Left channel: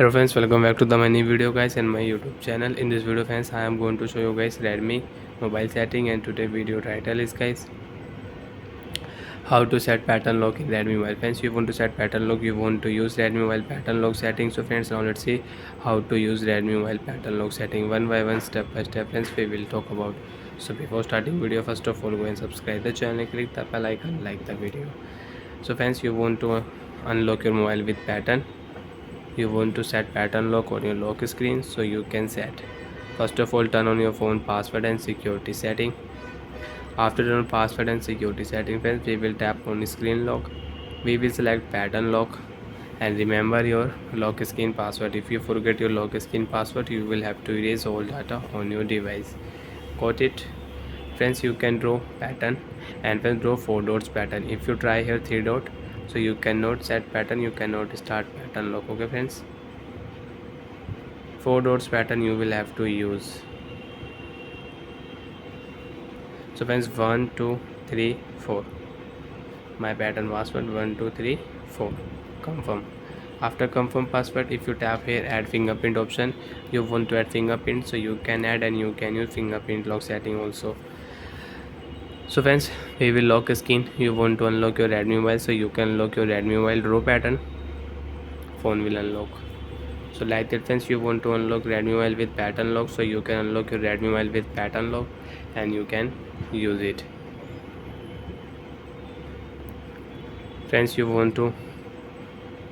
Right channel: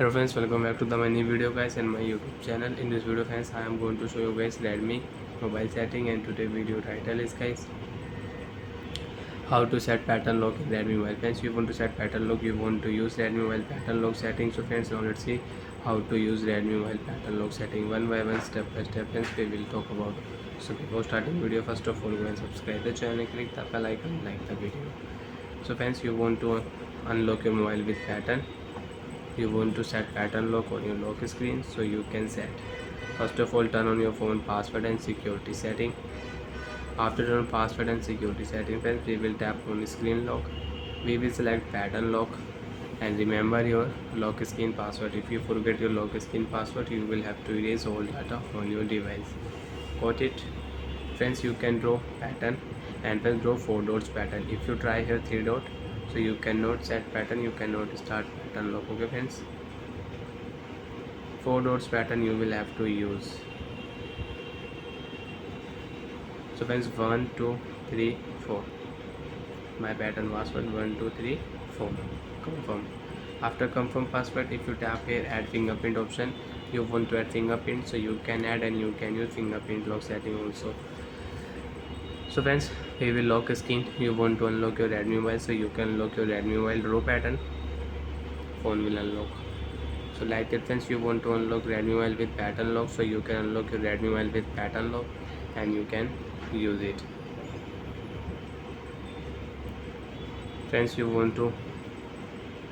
Hello friends, welcome back to the my new video guys and my YouTube channel. In this video friends, I am going to show you guys Redmi mobile setting, and today video title is guys how to set pattern lock in Redmi mobile. Friends, you want to set pattern lock, you want to use Redmi mobile pattern lock setting. So friends, now let's see how to use Redmi mobile pattern lock setting one by one, step by step. Friends, we will talk about. So before starting video, first of all go and subscribe the channel, click the bell icon, like the video. So friends, you want to unlock your mobile with pattern. You want to set pattern lock on your lock screen, so you can set. First of all, turn on your phone password and security setting. After turn on password and security setting, friends, we will tap on screen lock. We will select pattern lock and remember your lock screen password. If you forget your lock screen password, you will have to erase all data on your device. Got it? Friends, you can draw pattern and then draw 4 dots pattern. If you try here 3 dot, so you cannot set pattern, you cannot start pattern lock. Okay friends, 4 dots pattern you will have to use. So friends, 1 2 3 4, my pattern password 1 2 3 4. Confirm. After confirm password, if you tap here add fingerprint option, you want to add fingerprint, so you can add and you can use fingerprint lock setting also. So friends, we will lock screen. You want to unlock your Redmi mobile, so you can unlock your Redmi mobile draw pattern, phone will unlock. So like that friends, you want to unlock Redmi mobile with pattern lock, so you can unlock your Redmi mobile with pattern lock and you can use it. Friends, you want to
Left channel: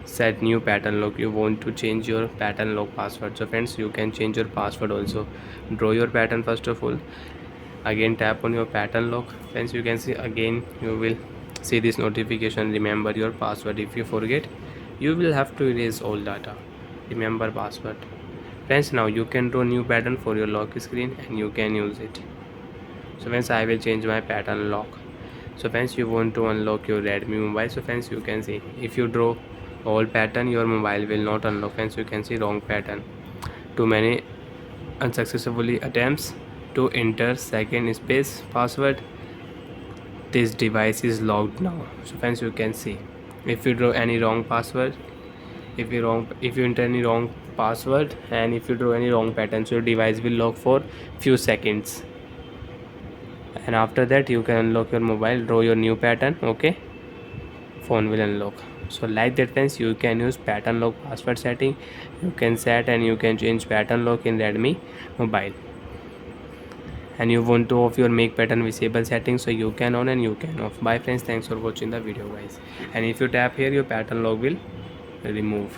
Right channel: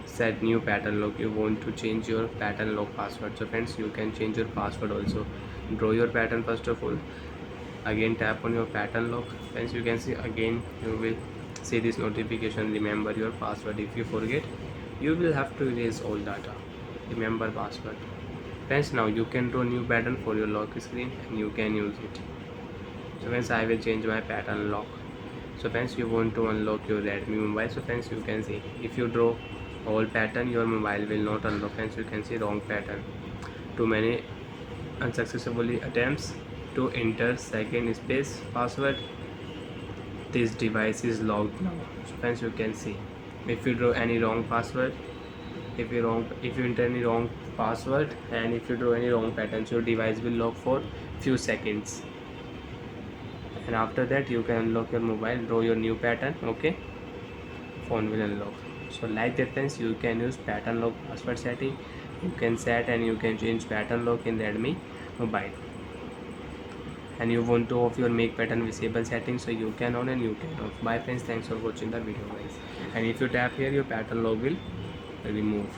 set new pattern lock, you want to change your pattern lock password. So friends, you can change your password also. Draw your pattern first of all, again tap on your pattern lock. Friends, you can see again you will see this notification, remember your password. If you forget, you will have to erase all data, remember password. Friends, now you can draw new pattern for your lock screen and you can use it. So friends, I will change my pattern lock. So friends, you want to unlock your Redmi mobile. So friends, you can see if you draw all pattern, your mobile will not unlock. Friends, you can see wrong pattern, too many unsuccessfully attempts to enter second space password, this device is locked now. So friends, you can see if you draw any wrong password, if you enter any wrong password and if you draw any wrong pattern, so your device will lock for few seconds, and after that you can unlock your mobile, draw your new pattern. Okay, phone will unlock. So like that friends, you can use pattern lock password setting. You can set and you can change pattern lock in Redmi mobile. And you want to off your make pattern visible settings, so you can on and you can off. Bye friends, thanks for watching the video guys. And if you tap here, your pattern lock will remove.